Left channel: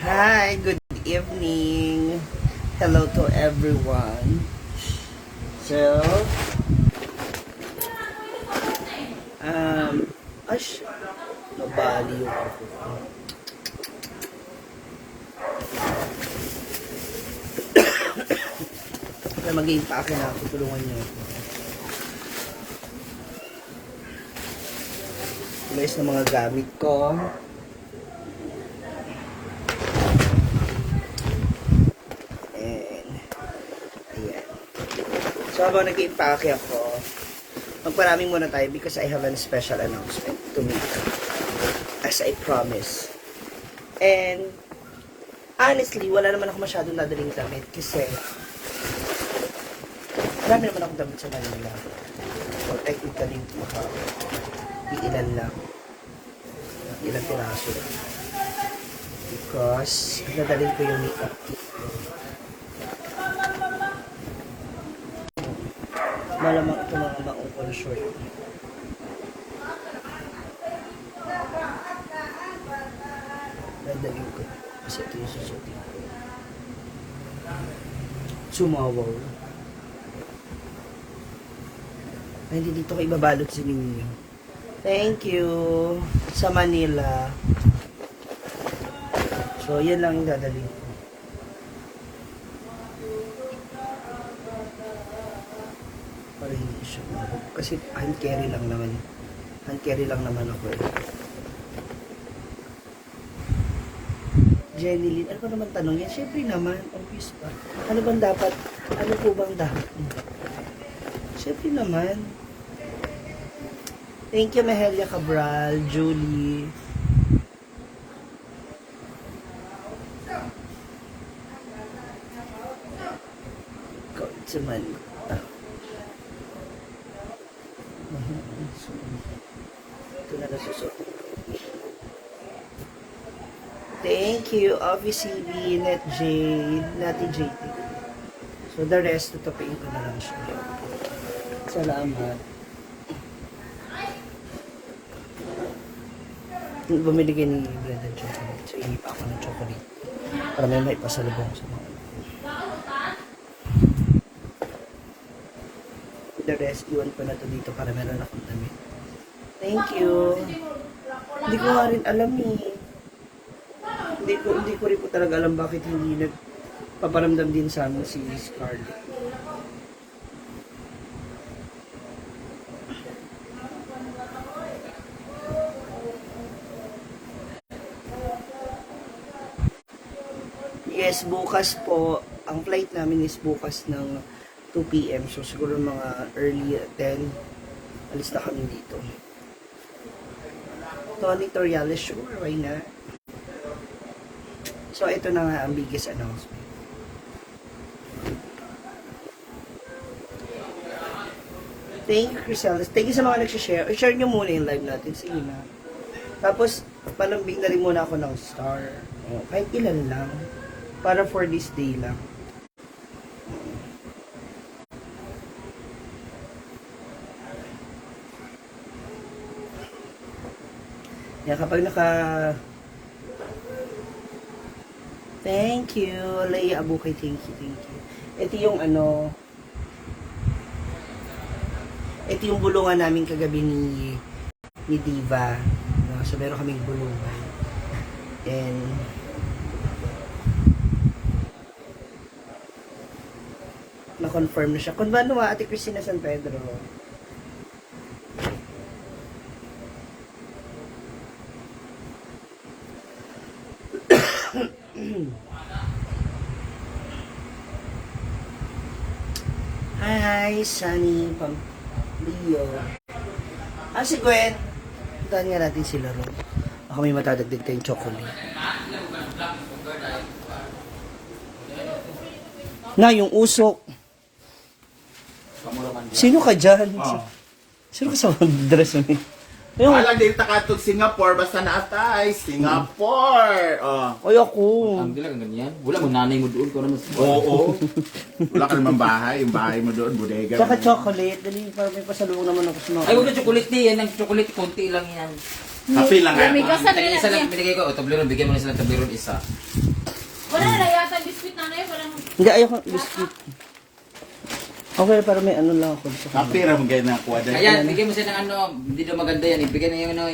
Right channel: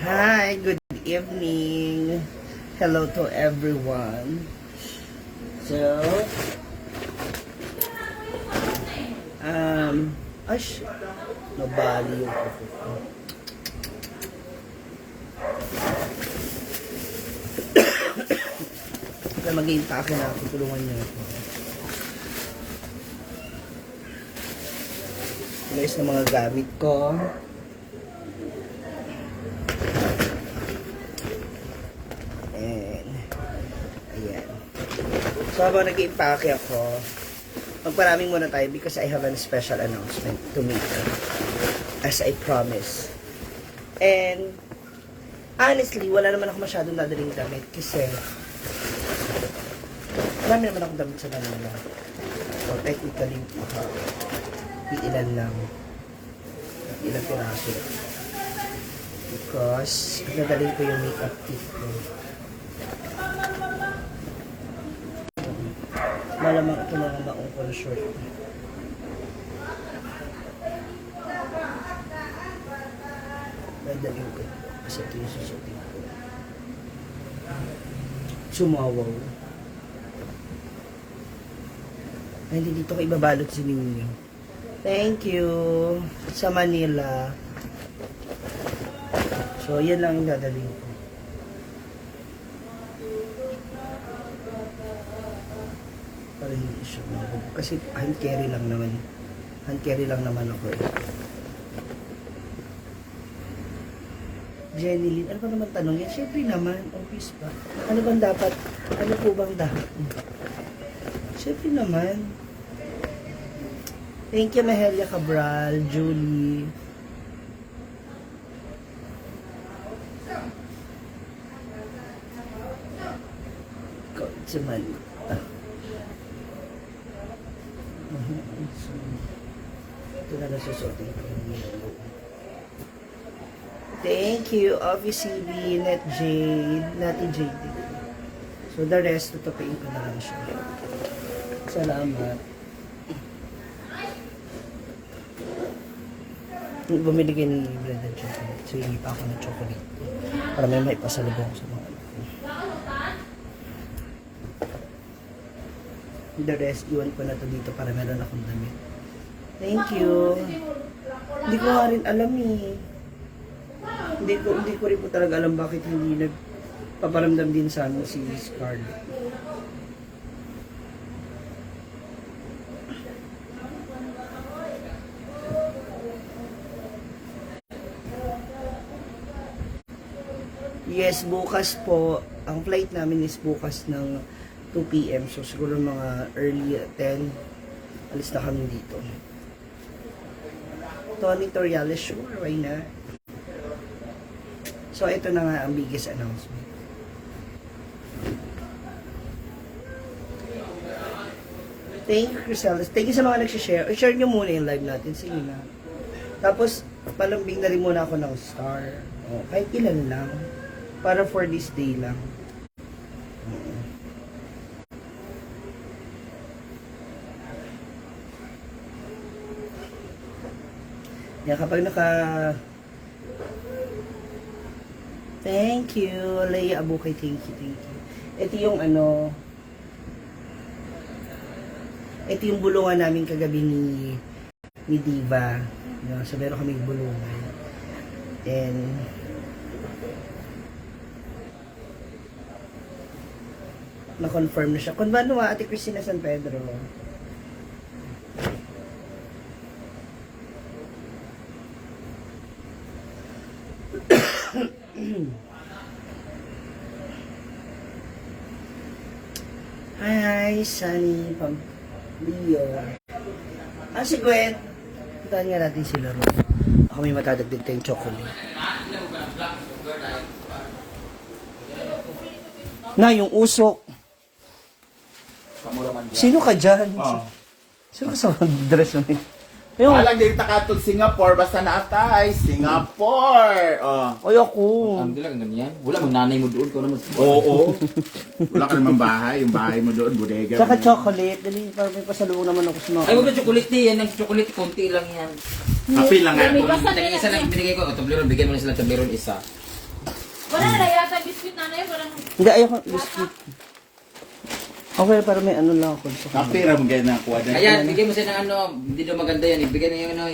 Hi, good evening. Hello to everyone. So, ash, nabali yung ako ko. Kaya mag-iimpake na ako, tulungan niyo ako. Guys, ng mga gamit ko. So, habang nag-iimpake ako, magparaming muna tayo because I have a special announcement to make as I promise. And honestly, wala naman ako masyadong dadaling damit kasi marami naman akong damit sa Manila. So, technically, iilan lang. Iilan piraso lang. Because nadaling ko yung makeup kit ko. Malamang ito mga maungkol short. Dadalhin ko. Kasi ito yung susutin ko. Sumawaw. Ay, hindi dito ko ibabalot si ninyo. Thank you. Sa Manila. So, yan lang yung dadalhin ko. Para hindi siya mahal. Kasi hand carry lang naman. Hand carry lang naman ako. Jenny Lynn, ano ba naman tanong niya? Siyempre naman, obvious pa. Ano bang dapat? Ano po bang dapat? Siyempre naman. Thank you, Nahelia Cabral, Julie. It's a man. Ito na nasusuot. Thank you, OVCB, Net Jade, Nati Jade. So the rest, tutupiin ko na lang siya. Salamat. Bumili kayo ng Brother Chocolate. So hindi pa ako ng chocolate. Para may maipasalubong sa mga anak ko. The rest, iwan ko na to dito para meron akong damit. Thank you. Hindi ko nga rin alam eh. Hindi ko rin po talaga alam bakit hindi nagpaparamdam din sa amin si Scarlett. Yes, bukas po. Ang flight namin is bukas ng 2 p.m. So, siguro mga early 10, alis na kami dito. Tony Toriales, sure, why not? So, ito na nga ang biggest announcement. Thank you, Criselas. Thank you sa mga nagsishare. I-share nyo muna yung live natin. Sige na. Tapos, palambing na rin muna ako ng star. O, kahit ilan lang. Para for this day lang. Yan, kapag thank you, Leia Abukay, thank you. Ito yung ito yung bulungan namin kagabi ni Diva. So, meron kaming bulungan. And, na-confirm na siya. Kung ba naman, Ate Cristina San Pedro? Hi, Sunny Pampilio. Si Gwen. Puntahan nga natin sila rin. Ako may matadagdag tayong chocolate. Na, yung usok. Sino ka dyan? Sino ka sa dress mo? Yung, Alang din takatog Singapore, basta naatay. Singapore! Oh. ay ako. Ang dila ganun yan. Wala mong nanay mo doon ko naman. Oo. Wala ka naman bahay. Yung bahay mo doon, bodega. Saka chocolate, dali para may pasalubong naman ako sa mga. Ay, huwag na chocolate yan. Ang chocolate, konti lang yan. Happy lang nga. May kasan Tagi isa lang binigay ko. O, tableron, bigyan mo na sila ng tableron isa. Wala na yata biscuit na ngayon. Walang Hindi, ayoko biscuit. Okay, para may ano lang ako. Happy ram gaya na kuha dahil. Ayan, bigyan mo sila ng ano. Hindi daw maganda yan. Ibigay na yung ano,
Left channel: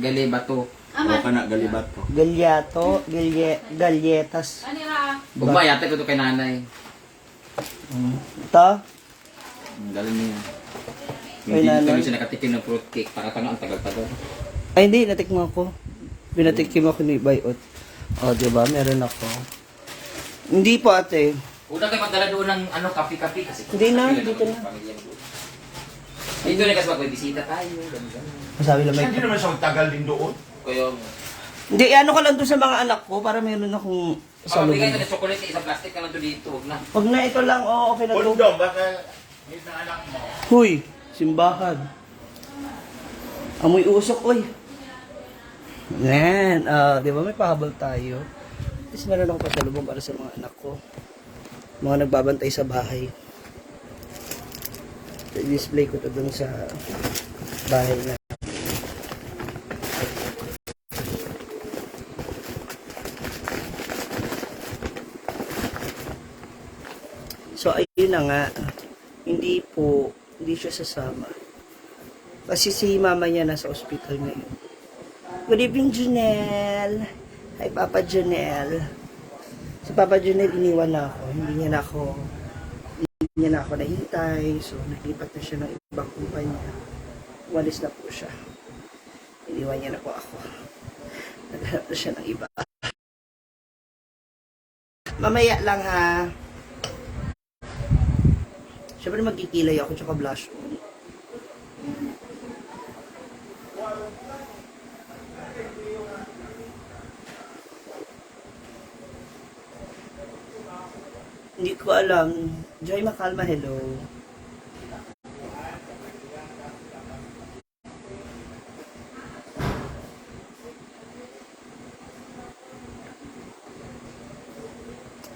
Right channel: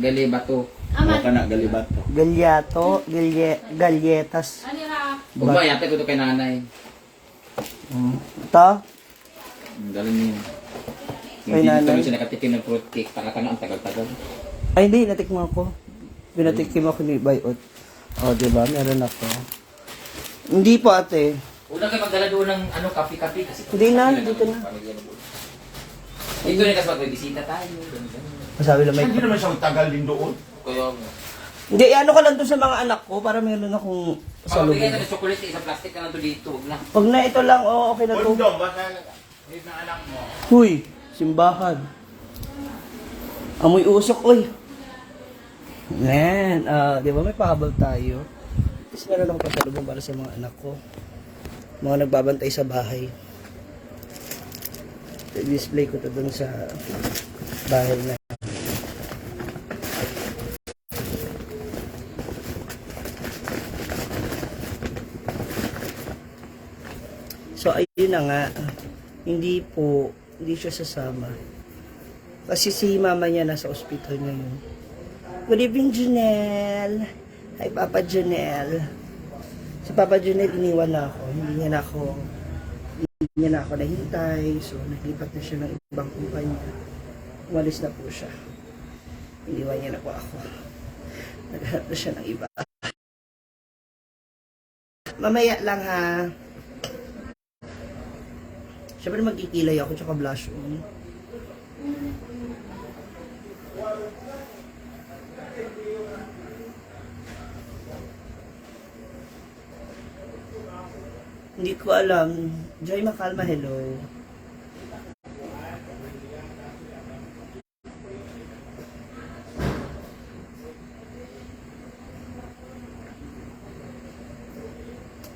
gali, bato. O ka na, galibat ko. Galyato, galyetas. ano ha? Ugma, yata ko ito kay nanay. Ito? Galing niya. Kay Hindi nanay? kami siya nakatikim ng fruit cake. Takatanga ang tagal-tagal. Ay, hindi, natikman ko. Pinatikim ako ni Bayot. O, diba? Meron ako. Hindi po, ate. Una kayo magdala doon ng ano, kape-kape. Kasi Hindi na, kape dito na. pamilya mo doon. Dito na kasi magbibisita tayo. Ganun. Masabi lang may... Hindi naman siya magtagal din doon. Kaya, Hindi, ano ko lang to sa mga anak ko para meron akong bigay salubong. na ng chocolate, isang plastic na lang to dito. Huwag na. Pag na ito lang, okay na to. Kondom, baka is na anak mo. Huy, simbahan. Amoy usok, uy. Yan, di ba may pahabol tayo? Tapos meron akong pasalubong para sa mga anak ko. Mga nagbabantay sa bahay. I-display ko to dun sa bahay na. So, ayun na nga. Hindi siya sasama. Kasi si mama niya nasa ospital na yun. Good evening, Janelle. Hi, Papa Janelle. Si Papa Janelle, iniwan na ako. Hindi niya na ako nahintay. So, naglipat na siya ng ibang kumpanya. Umalis na po siya. Iniwan niya na po ako. Naghanap na siya ng iba. Mamaya lang ha. Siyempre magkikilay ako tsaka blush on. Hindi ko alam. Joy Makalma, hello.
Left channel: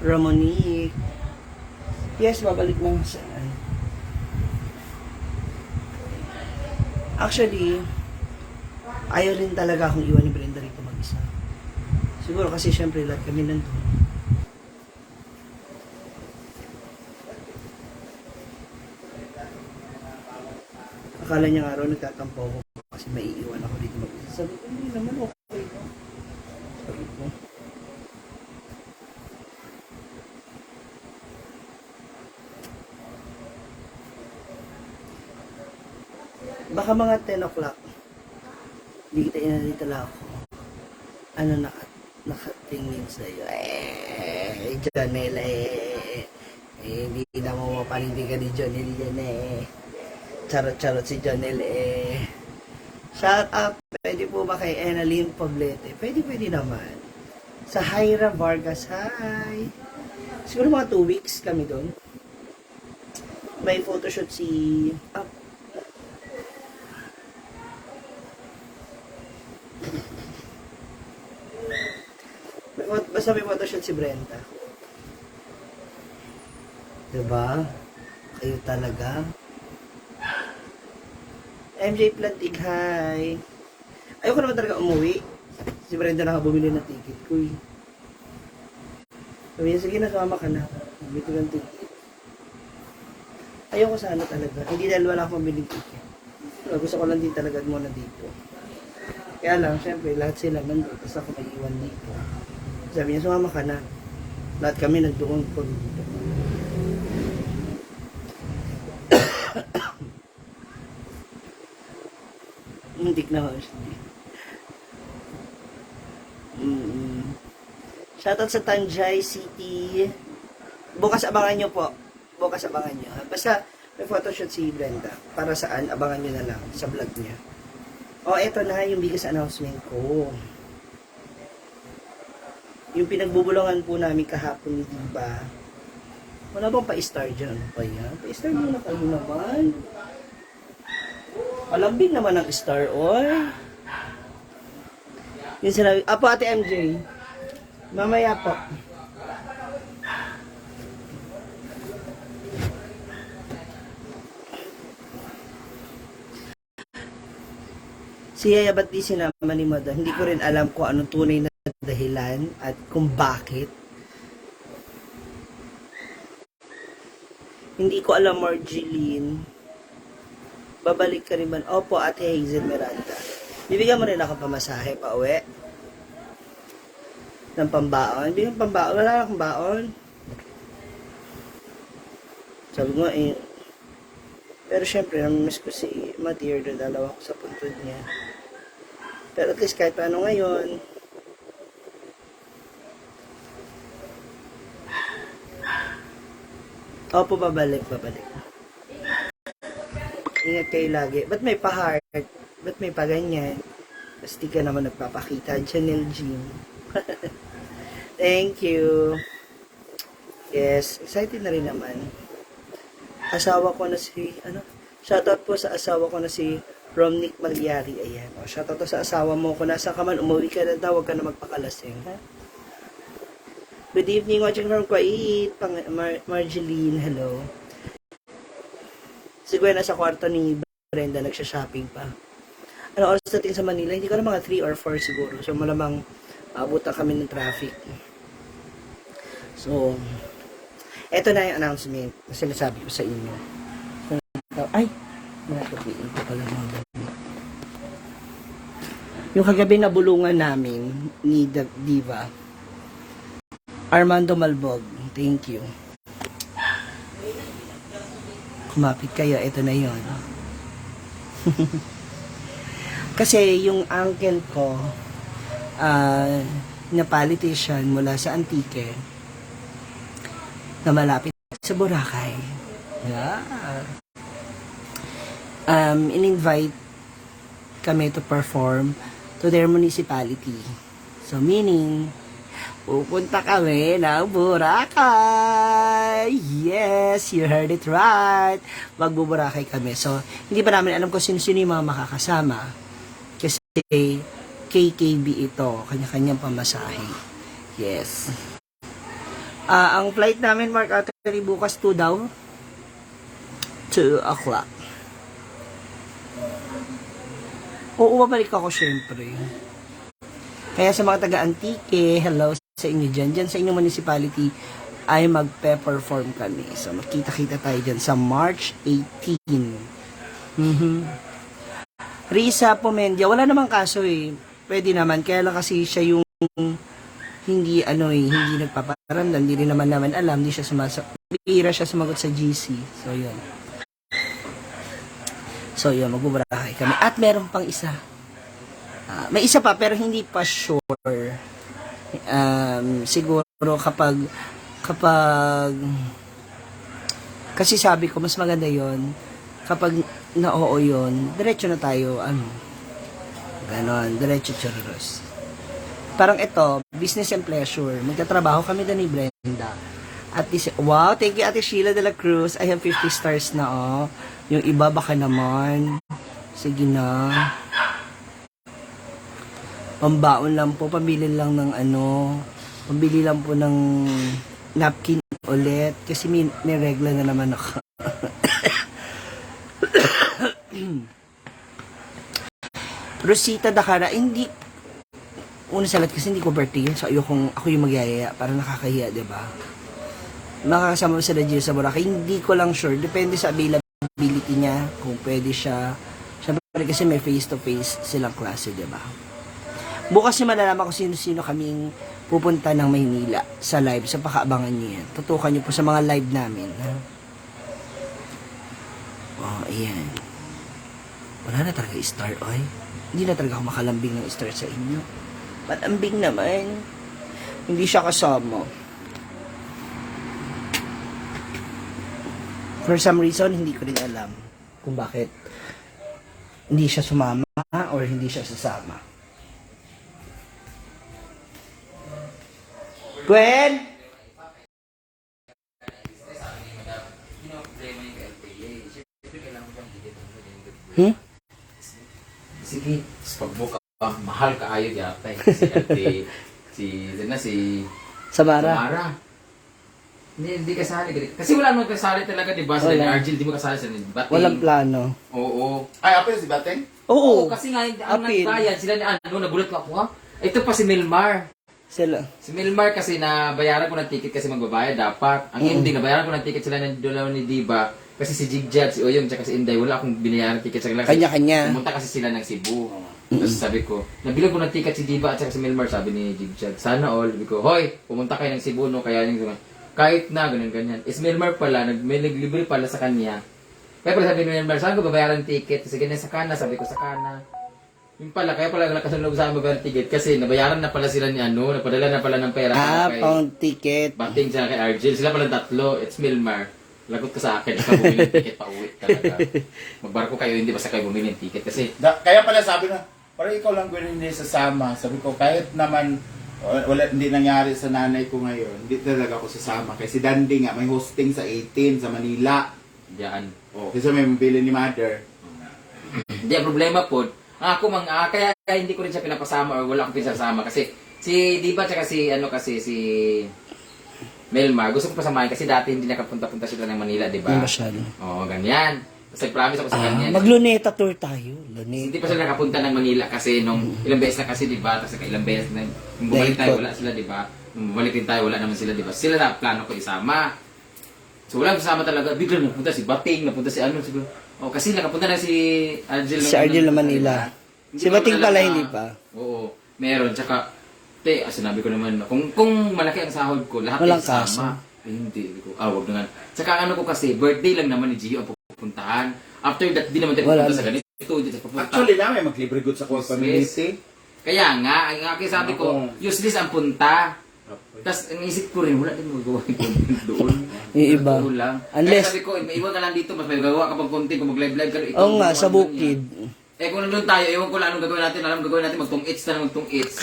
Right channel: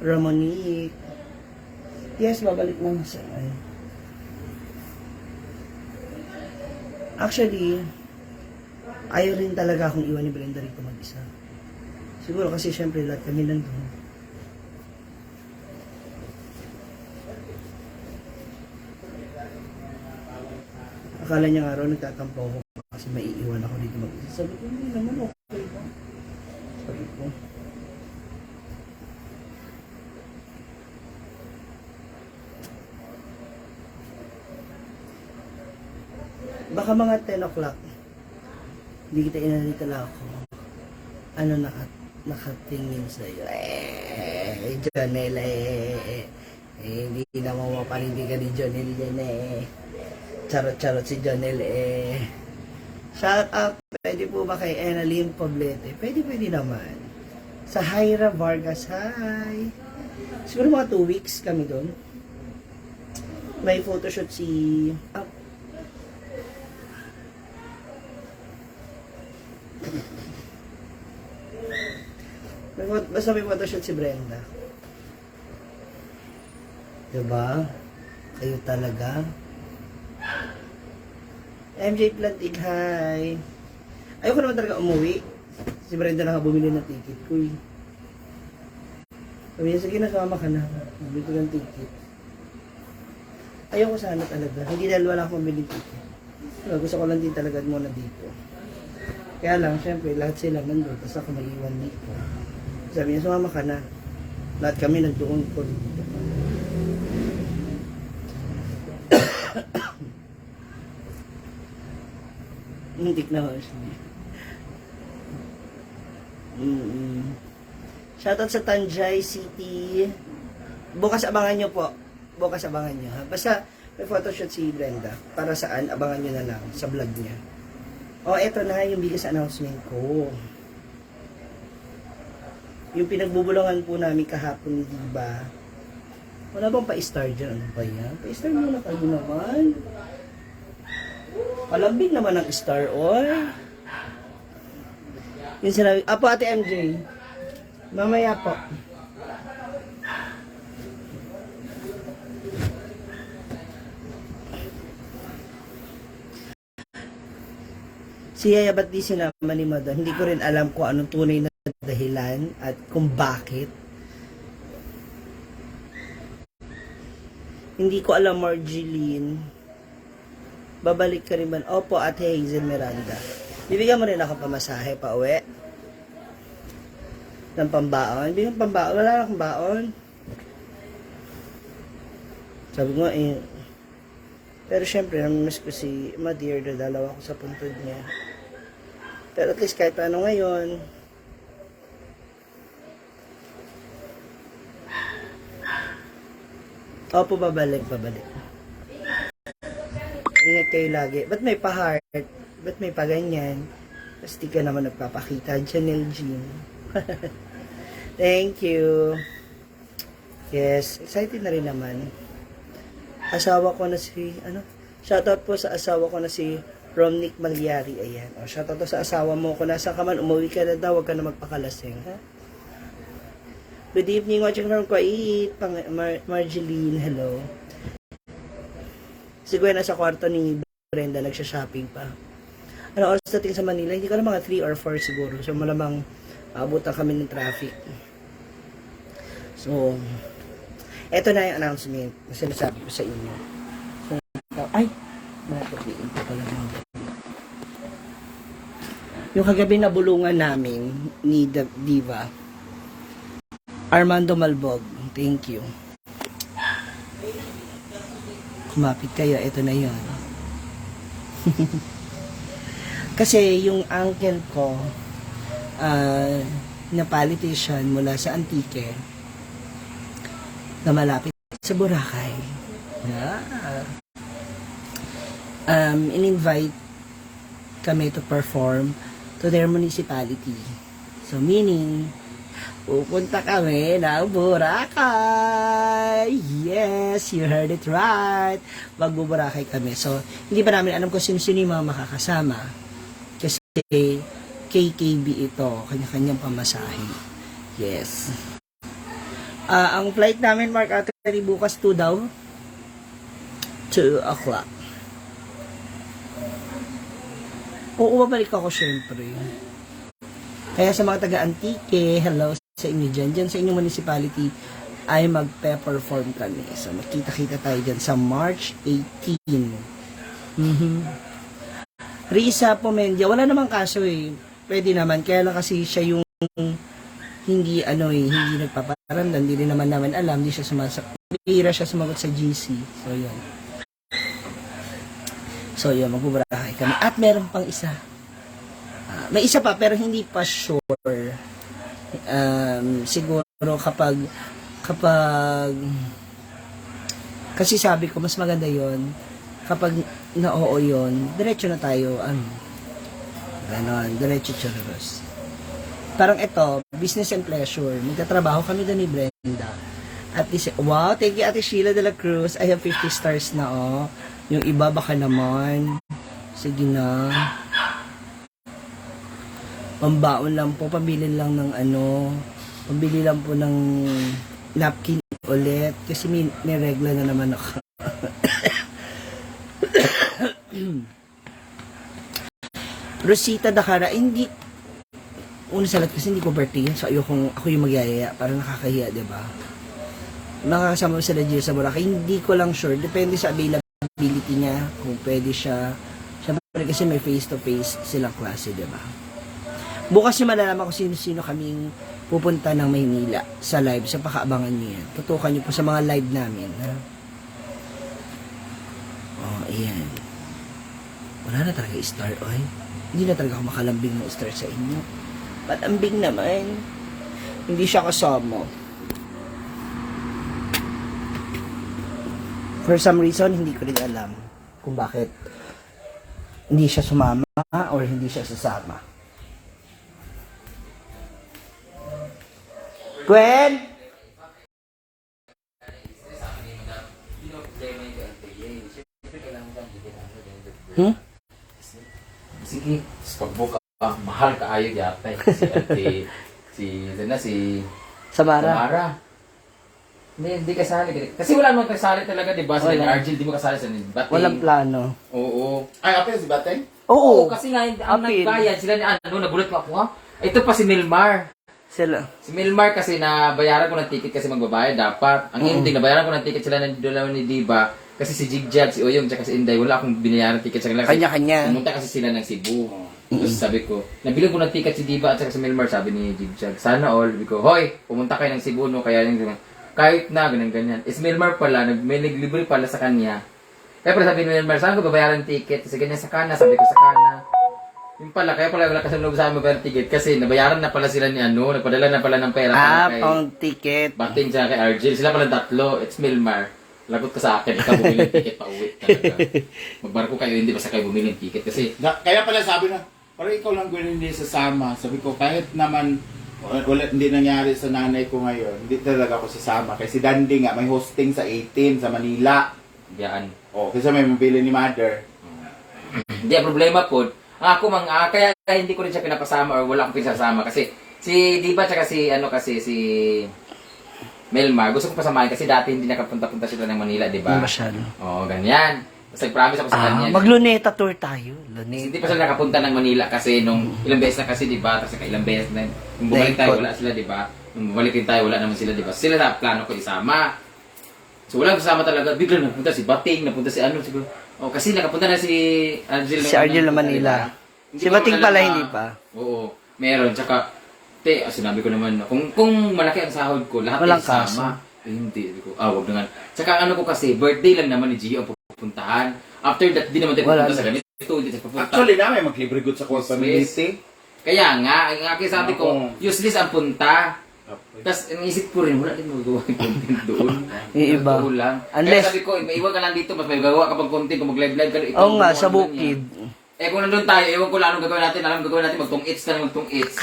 Ramonique. Yes, babalik lang siya. Actually, ayaw rin talaga akong iwan ni Brenda rito mag-isa. Siguro kasi syempre lahat kami nandun. Akala niya nga raw nagtatampo ako kasi maiiwan ako dito mag-isa. Sabi ko, hindi naman okay lang. Sabi ko. Baka mga 10 o'clock. Hindi kita inanita na ako. Ano nakatingin sa'yo? Janelle, hindi na mapapanindigan ni Janelle, Charot-charot si Janelle, Shout out, pwede po ba kay Annalyn Poblete? Pwede naman. Sa Hyra Vargas, hi! Siguro mga 2 weeks kami doon. May photoshoot si... Basta may photoshoot si Brenda. Diba? Kayo talaga. MJ Plantig, hi. Ayoko naman talaga umuwi. Si Brenda na bumili ng ticket ko eh. Sabi niya, sige nasama ka na. Bumili ko ng ticket. Ayoko sana talaga. Hindi dahil wala akong biling ticket. Pero gusto ko lang din talaga muna dito. Kaya lang, syempre, lahat sila nandun. Tapos ako mag-iwan dito. Sabi niya, sumama ka na. Lahat kami nagdoon ko dito. Hindi na ako siya. Shoutout sa Tanjay City. Bukas abangan nyo po. Bukas abangan nyo. Basta may photoshoot si Brenda. Para saan? Abangan nyo na lang sa vlog niya. O, eto na yung biggest announcement ko. Yung pinagbubulungan po namin kahapon ni Diba. Wala bang pa-star dyan? Ano pa yan? Pa-star muna kayo naman. Malambing naman ang Star Oil. Yung sinabi, apo Ate MJ. Mamaya po. Si Yaya ba't di sinama ni Madam? Hindi ko rin alam kung anong tunay na dahilan at kung bakit. Hindi ko alam, Marjeline. Babalik ka rin man. Opo, Ate Hazel Miranda. Bibigyan mo rin ako pamasahe pa uwi. Ng pambaon. Bigyan pambaon. Wala akong baon. Sabi ko eh. Pero syempre, namiss ko si Madeir na dalawa ko sa puntod niya. Pero at least kahit ano ngayon, opo, babalik. Ingat kayo lagi. Ba't may pa-heart? Ba't may pa-ganyan? Kasi di ka naman nagpapakita. Janelle Jean. Thank you. Yes, excited na rin naman. Asawa ko na si, shoutout po sa asawa ko na si Romnick Malyari. Ayan. O, shoutout po sa asawa mo. Kung nasa ka man, umuwi ka na daw, huwag ka na magpakalasing. Ha? Good evening, watching from Kuwait. Marjeline, hello. Si Gwen nasa kwarto ni Brenda, nagsha-shopping pa. Ano oras natin sa Manila? Hindi ko alam, mga 3 or 4 siguro. So, malamang abutan kami ng traffic. So, eto na yung announcement. Yung sinasabi ko sa inyo. Ay! Nakakapiin ko pala ng gabi. Yung kagabi na bulungan namin ni Diva. Armando Malbog. Thank you. Kumapit kayo. Ito na yon. Kasi yung uncle ko na politician mula sa Antique na malapit sa Boracay. Yeah. In-invite kami to perform to their municipality. So meaning, pupunta kami ng Boracay. Yes, you heard it right. Magbuboracay kami. So, hindi pa namin alam kung sino-sino yung mga makakasama. Kasi KKB ito, kanya-kanyang pamasahe. Yes. Ang flight namin, Mark Artery, bukas 2 daw. 2 o'clock. Oo, babalik ako syempre. Kaya sa mga taga-Antique, hello sa inyo dyan. Dyan sa inyong municipality ay magpe-perform kami. So, makita-kita tayo dyan sa March 18. Risa Pomendia, wala namang kaso eh. Pwede naman. Kaya lang kasi siya yung hindi hindi nagpaparamdam, hindi rin naman alam, hindi siya bihira siya sumagot sa GC. So yun, magbuburakay kami. At meron pang isa. May isa pa pero hindi pa sure. Siguro kapag kasi sabi ko mas maganda yon kapag na-oo yun, diretso na tayo, ganon, diretso churros. Parang ito, business and pleasure. Magtatrabaho kami doon ni Brenda. At least, wow, thank you Ate Sheila de la Cruz. I have 50 stars na, oh. Yung iba, baka naman. Sige na. Pambaon lang po, pambili lang ng pambili lang po ng napkin ulit. Kasi may regla na naman ako. Rosita Dakara, hindi una sa lahat kasi hindi ko birthday yun. So, ako yung magyayaya. Para nakakahiya, diba? Makakasama mo sila dito sa Boracay. Hindi ko lang sure. Depende sa availability niya. Kung pwede siya. Siyempre kasi may face-to-face silang klase, diba? Bukas yung malalaman kung sino-sino kaming pupunta ng Maynila sa live. So, pakaabangan niyo yan. Tutukan niyo po sa mga live namin. Ha? Oh, ayan. Wala na talaga star, oy. Hindi na talaga ako makalambing ng star sa inyo. Matambing naman. Hindi siya kasama. For some reason, hindi ko rin alam kung bakit hindi siya sumama or hindi siya sasama. Gwen? mahal kaayo yata eh. Si Samara. Samara. Hindi kasali. Kasi wala naman kasali talaga, di ba? Sa Wala. Argel, di mo kasali sa Bating. Walang plano. Oo. Ay, ako yung si Bateng? Oo. Kasi nga, ang Apil. nagbayad sila ni ano, nagulat pa ako ha. Ito pa si Milmar. Sila. Si Milmar kasi nabayaran ko ng ticket kasi magbabayad dapat. Ang ending, nabayaran ko ng ticket sila ng dalawa ni Diba. Kasi si Jigjag, si Oyong, tsaka si Inday, wala akong binayaran ticket sa kanila. Kasi Kanya-kanya. Pumunta kasi sila ng Cebu. Tapos sabi ko, nabili ko ng ticket si Diba at saka si Milmar, sabi ni Jigjag. Sana all. Sabi ko, hoy, pumunta kayo ng Cebu, no? Kaya yung kahit na, ganyan-ganyan. Is Milmar pala, may naglibre pala sa kanya. Kaya pala sabi ni Milmar, saan ko babayaran ng ticket? Kasi ganyan sa kana, sabi ko sa kana. Yung pala, kaya pala wala kasi loob sa akin magbayar ng ticket. Kasi nabayaran na pala sila ni ano, nagpadala na pala ng pera para kay Pang ticket. Bating siya kay Argel. Sila pala tatlo. It's Milmar. Lagot ka sa akin. Ikaw bumili ng ticket pa uwi talaga. Magbarko kayo, hindi basta kayo bumili ng ticket. Kasi Kaya pala sabi na, parang ikaw lang gawin hindi sasama. Sabi ko, kahit naman wala, hindi nangyari sa nanay ko ngayon, hindi talaga ako sasama. Kasi Dandy nga, may hosting sa 18 sa Manila. diyan. Kasi may mabili ni Mother. Hindi, ang problema po, kaya hindi ko rin siya pinapasama or wala akong pinasasama. Kasi si Diba tsaka si Melmar, gusto ko pasamahin kasi dati hindi nakapunta-punta sila ng Manila, di ba? Hindi masyado. Oo, ganyan. Kasi promise ako sa kanya. Magluneta tour tayo. Hindi Luneta. pa sila nakapunta ng Manila kasi nung ilang beses na kasi, di ba? Tapos ilang beses na, nung bumalik tayo, wala sila, di ba? Nung bumalik din tayo, wala naman sila, di ba? Sila na plano ko isama. So wala kasama talaga. Bigla napunta si Bating, napunta si ano, siguro. Oh, kasi nakapunta na si Argel. Si Argel na Manila. Si Bating pala, hindi pa. Oo, meron. Tsaka, sinabi ko naman, kung malaki ang sahod ko, lahat Walang ay sama. Hindi. Wag naman. Tsaka ano ko kasi, birthday lang naman ni Gio ang pupuntahan. After that, di naman tayo Wala pupunta sa na. ganito. Hindi tayo pupunta. Actually namin, mag-libre good sa core community. Kaya nga, ang aking sabi ko, useless ang punta. Tapos, iniisip ko rin, wala din magagawa ng content doon. Yung iba. Totoo lang. Unless- Kaya sabi ko, maiwan ka lang dito, mas may gagawa ka pag content, kung mag-live-live ka. ikaw Oo nga, gumawa sa ng bukid. ganyan. Kung nandun tayo, ewan ko lang anong gagawin natin, magtong-its na magtong-its.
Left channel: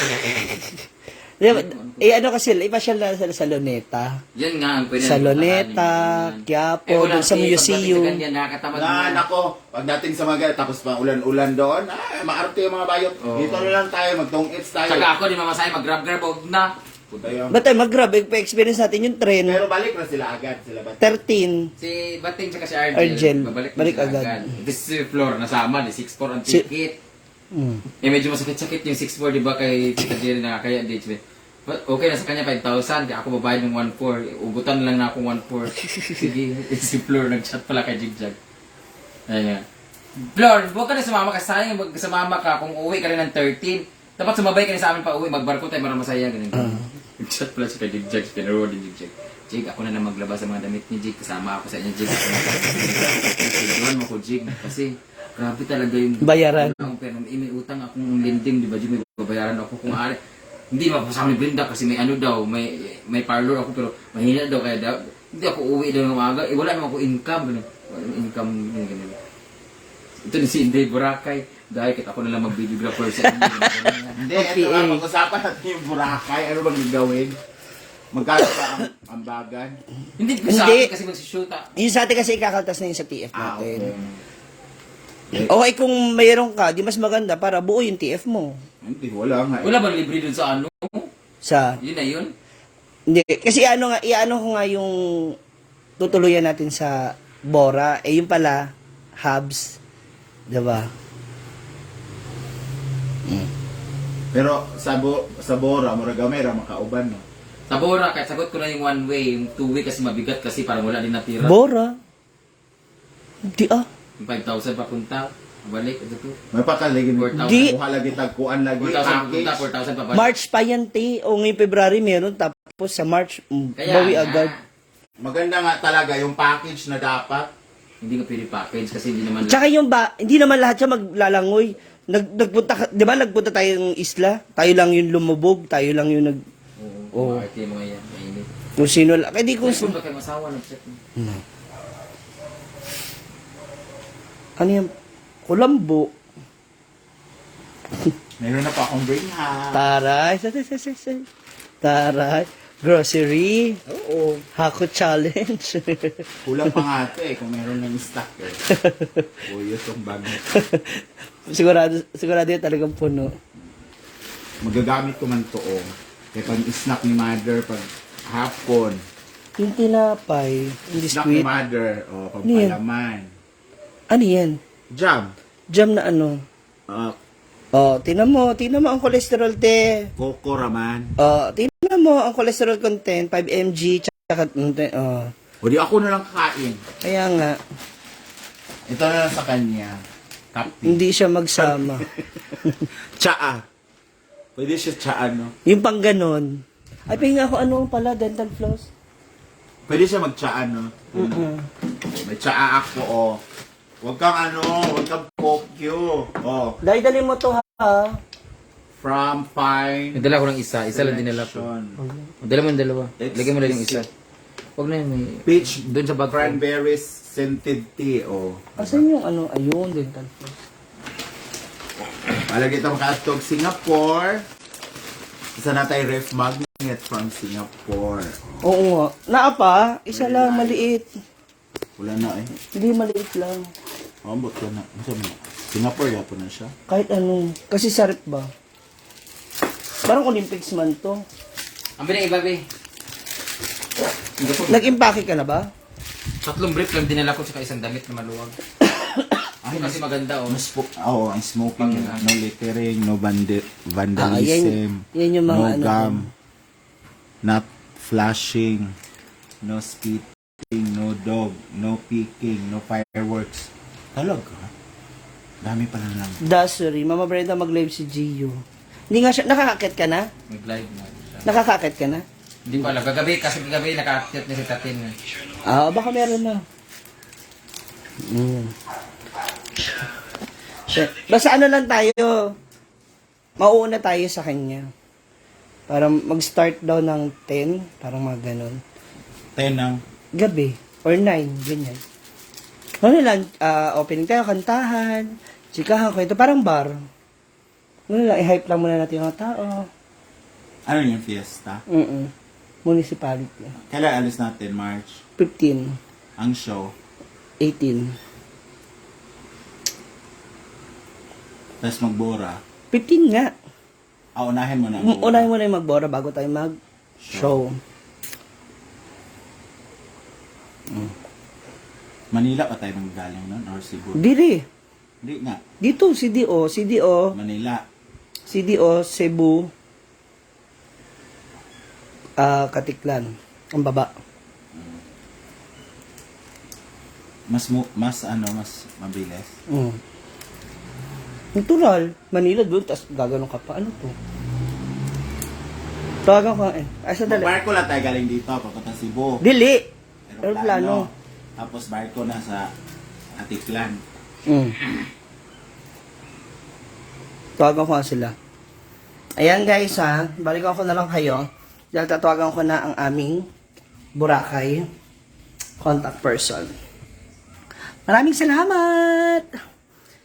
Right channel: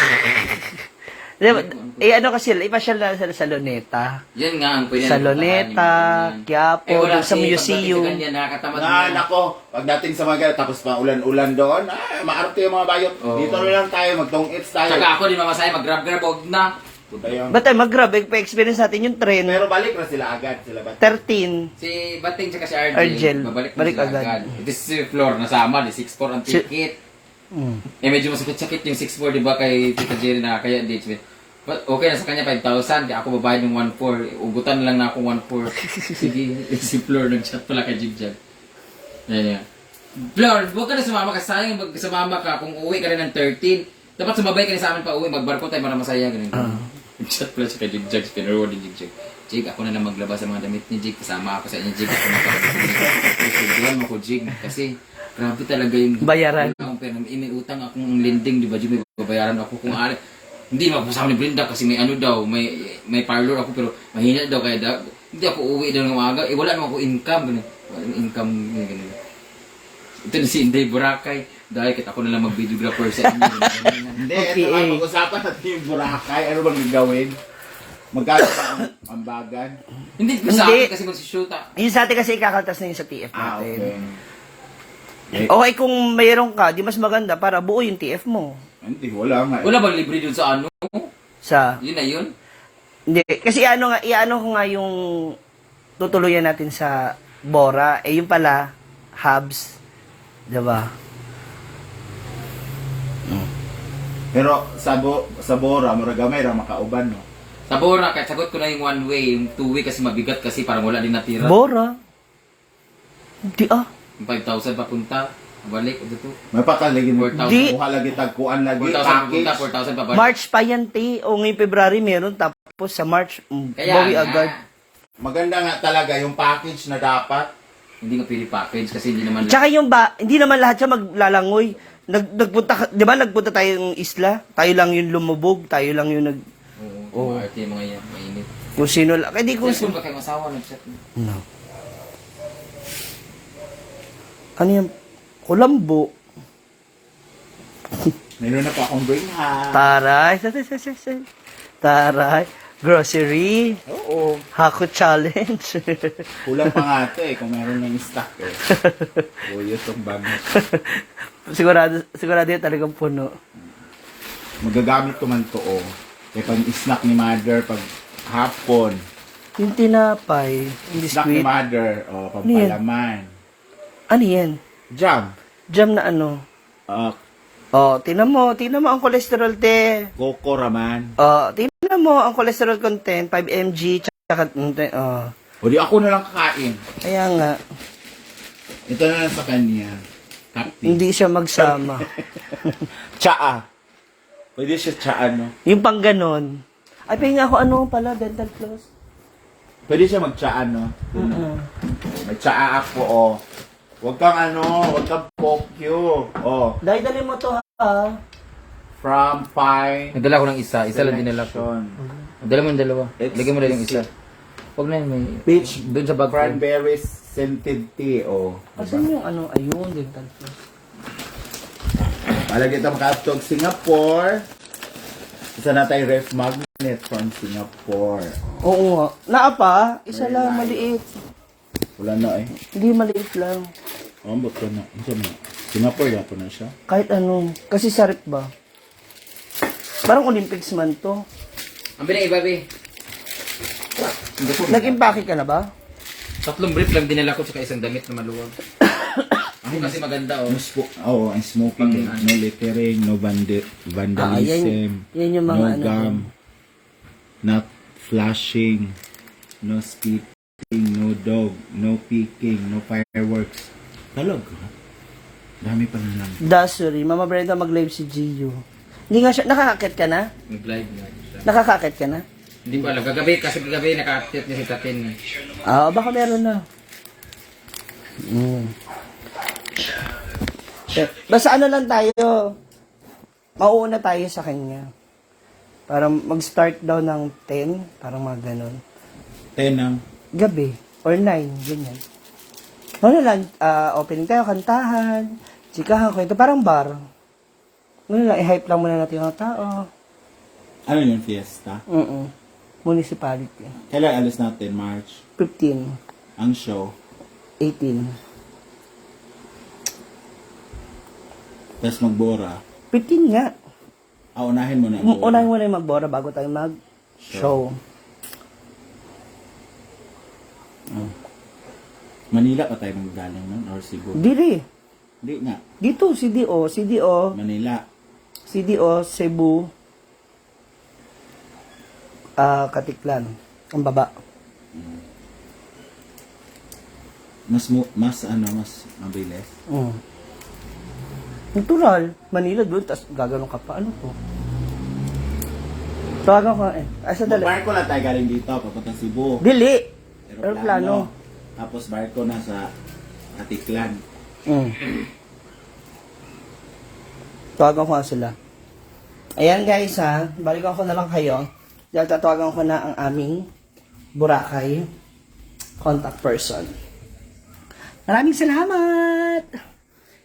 Ano kasi, ipasyal na sa Luneta. Yan nga ang pwede Sa natin Luneta, puntahan, Quiapo, wala dun sa kasi, museum. pagdating sa ganyan, nakakatamad Na na. nako, pag dating sa mga tapos pa ulan-ulan doon, maarte yung mga bayot. Oo. Dito na lang tayo, mag-tong-its tayo. Tsaka ako, di mamasahe, mag-grab-grab, huwag na. Ayun. Ba't tayo mag-grab? Pa-experience natin yung tren. Pero balik na sila agad. Sila ba? 13. Si Bating tsaka si Argel, babalik balik na agad. agad. This is floor, nasama, di 6'4 ang Si- ticket. Mm. Medyo masakit-sakit yung 6'4, di ba, kay Tita Jerry na kaya engagement. But okay na sa kanya 5,000, di ako babayad ng 1,400. Ugutan lang na ako 1,400. Sige, si Flor nag-chat pala kay Jigjag. Ayan. Flor, huwag ka na sumama kasi sayang sumama ka kung uwi ka rin ng 13. Dapat sumabay ka na sa amin pa uwi, magbarko tayo para masaya. Ganun. Nag-chat pala siya kay Jigjag, pinaroward ni Jigjag. Jig, ako na lang maglabas sa mga damit ni Jig. Kasama ako sa inyo, Jig. Ako na pag-tuwan mo ko, Jig. Kasi, grabe talaga yung... Bayaran. Wala akong pera. May utang akong lending, di ba, Jig? May babayaran ako kung ari. Hindi mapasama ni Brenda kasi may ano daw, may parlor ako pero mahina daw kaya daw, hindi ako uwi daw ng umaga. Wala naman ako income. Ganun. Walang income. Ganun. Ito na si Inday Boracay. Dahil kita ako na lang mag-videographer sa inyo. Hindi, Okay. ito nga, pag-usapan natin yung Boracay. Ano bang gagawin? Magkano pa ang ambagan? Hindi ko sa Hindi. akin kasi mag-shoot ah. Yung sa atin kasi ikakaltas na yun sa TF Ah, natin. okay. Okay, kung mayroon ka, di mas maganda para buo yung TF mo. Hindi, wala nga. Wala bang libre dun sa ano? Sa, Yun na yun. hindi, kasi iano ko nga yung tutuluyan natin sa Bora, yung pala, hubs. Diba? Pero sa Bora, muragamay ra makauban, no? Tabora, kahit sagot ko na yung one way, yung two way kasi mabigat kasi parang wala din natira. Bora? Hindi Yung 5,000 papunta, balik, ito to. May pataligin mo. 4,000. Di. Kuha lagi, tagkuan lagi, 4,000 papunta, package. 4,000 pabalik. March pa yan, te. O ngayong February meron, tapos sa March, Kaya bawi nga, agad. Maganda nga talaga yung package na dapat. Hindi nga pwede package kasi hindi naman... Tsaka yung hindi naman lahat siya maglalangoy. Di ba nagpunta tayong isla? Tayo lang yung lumubog, tayo lang yung Oo, mga arte, mga yan, mainit. kung sino lang. Kaya di kung Kung ba kayong asawa, nag-chat mo? No. Ano yan? Kulambo. Meron na pa akong bring ha. Taray. Taray. Grocery. Oo. Hako challenge. Kulang pa nga ito eh, kung meron ng stock eh. Curious ang bang. sigurado yan talagang puno. magagamit ko man to, oh. Kaya pang snack ni mother pag hapon. Yung tinapay, yung Snack ni biscuit. mother, oh, Ano yan? pampalaman. Ano yan? Jam. Jam na ano? Uh, Oh, tingnan mo ang cholesterol, te. Coco raman. Oh, tingnan mo ang cholesterol content, 5 mg, tsaka, oh. O di ako na lang kakain. Kaya nga, Ito na lang sa kanya. Kapti. hindi siya magsama. Tsaa. Pwede siya tsaa, no? Yung pang ganon. Ay, pahinga ako ano pala, dental floss. Pwede siya mag-tsaa, no? May tsaa ako, oh. Huwag kang huwag kang pokyo. Oh, Dali mo to, ha? from Pine. Nadala ko ng isa lang dinala ko. Collection. Dala mo yung dalawa. It's Lagyan mo lang yung isa. Huwag na yun, may... Peach Doon sa bag ko. cranberries scented tea, oh. Asan yung ano? Ayun, dental floss. Palagi itong katog Singapore. Isa na tayo ref magnet from Singapore. Oo nga. Naa pa, isa lang, maliit. Wala na eh. Hindi maliit lang. Ambot ko na. Isa mo. Singapore, yapo na siya. Kahit ano. Kasi sarip ba? Parang Olympics man to. Ang binay, babe. Nag-impake ka na ba? 3 brief lang dinala ko sa isang damit na maluwag. Ako kasi maganda, oh. Ang smoking, no littering, no vandalism, yan yung mga no ano gum, not flashing, no spitting, no dog, no peeking, no fireworks. Talaga? Dami pa na lang. Dasuri. Mama Brenda mag-live si Gio. Hindi nga siya, nakakakit ka na? Mag-live mo. Nakakakit ka na? Hindi ko alam. Kagabi naka-active niya si Tatin. Ah, baka meron na. Basta ano lang tayo. Mauuna tayo sa kanya. Para mag-start daw ng 10. Parang mga ganon. 10 ang Gabi. Or 9. Ganyan. Ano lang, opening tayo, kantahan, chikahan, kwento. Parang bar. Ano lang, i-hype lang muna natin yung mga tao. ano yung fiesta? Municipality. Kailan alis natin? March? 15. Ang show? 18. Tapos magbora? 15 nga. Unahin mo na ang bora. Unahin mo na yung magbora bago tayo mag-show. Manila pa tayo nang galing nun? Or Cebu? Dili. Hindi nga. Dito, CDO, Manila. Cebu, Katiklan. Ang baba. Mas mabilis. Natural. Manila doon, tapos gagano'n ka pa. Ano to? Tawagan ko eh. Asa dali? Barko lang tayo galing dito, papunta Cebu. Dili. Aeroplano. Aeroplano. Tapos barko na sa Atiklan. Tawagan ko nga sila. Ayan guys ha. Balikan ko na lang kayo. Dahil tatawagan ko na ang aming Boracay contact person. Maraming salamat!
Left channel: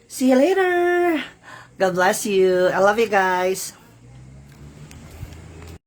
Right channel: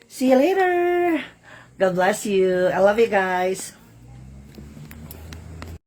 See you later! God bless you. I love you guys.